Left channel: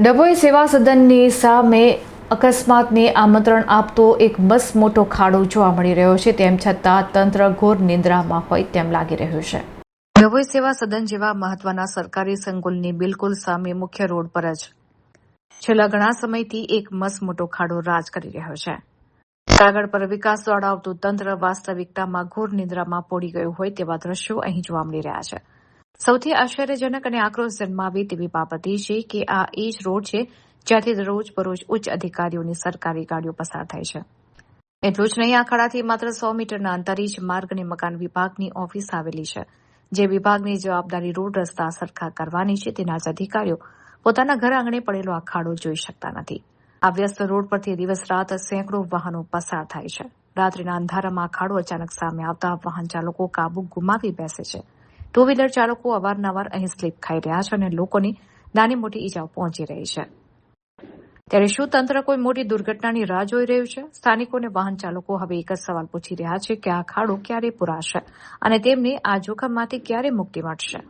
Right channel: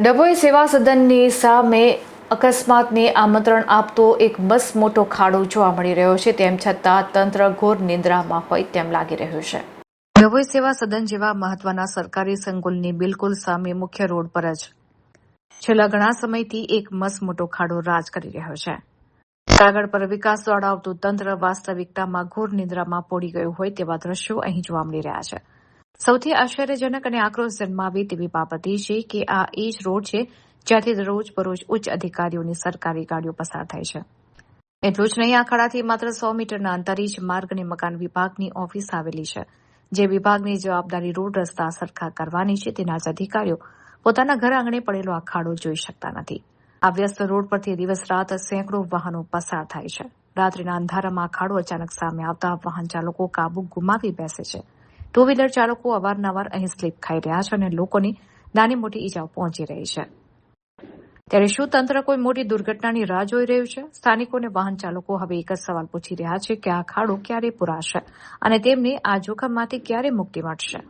ડભોઈ સેવા સદનની સામે અકસ્માતને આમંત્રણ આપતો એક બસ મોટો ખાડો જોવા મળી રહ્યો છે. તેમ છતાં તંત્ર ઘોર નિંદ્રામાં હોય તેમ લાગી રહ્યું છે. ડભોઈ સેવા સદન જેવા મહત્વના સરકારી સંકુલની બિલકુલ સામે મુખ્ય રોડ પર જ છેલ્લા ઘણા સમયથી એક મસમોટો ખાડો રાજ કરી રહ્યો છે. કાગળ પર વિકાસ દોડાવતું તંત્ર વાસ્તવિકતામાં ઘોર નિંદ્રામાં પોડી ગયું હોય તેવા દ્રશ્યો અહીં જોવા મળી રહ્યા છે. સૌથી આશ્ચર્યજનક અને આક્રોશ જન્માવે તેવી બાબત એ છે કે આ એ જ રોડ છે જ્યાંથી દરરોજ બરોજ ઉચ્ચ અધિકારીઓની સરકારી ગાડીઓ પસાર થાય છે. એટલું જ નહીં, આ ખાડાથી માત્ર 100 મીટરના અંતરે જ માર્ગ અને મકાન વિભાગની ઓફિસ આવેલી છે. જે વિભાગની જવાબદારી રોડ રસ્તા સરખા કરવાની છે તેના જ અધિકારીઓ પોતાના ઘર આંગણે પડેલો આ ખાડો જોઈ શકતા નથી. આ વ્યસ્ત રોડ પરથી દિવસ રાત સેંકડો વાહનો પસાર થાય છે. રાત્રિના અંધારામાં આ ખાડો અચાનક સામે આવતા વાહન ચાલકો કાબુ ગુમાવી બેસે છે. ટુ વ્હીલર ચાલકો અવારનવાર અહીં સ્લીપ ખાઈ રહ્યા છે અને લોકોની નાની મોટી ઈજાઓ પહોંચી રહી છે. ત્યારે શું તંત્ર કોઈ મોટી દુર્ઘટનાની રાહ જોઈ રહ્યું છે? સ્થાનિકો અને વાહન ચાલકો હવે એક જ સવાલ પૂછી રહ્યા છે કે આ ખાડો ક્યારે પૂરાશે અને તેમને આ જોખમમાંથી ક્યારે મુક્તિ મળશે?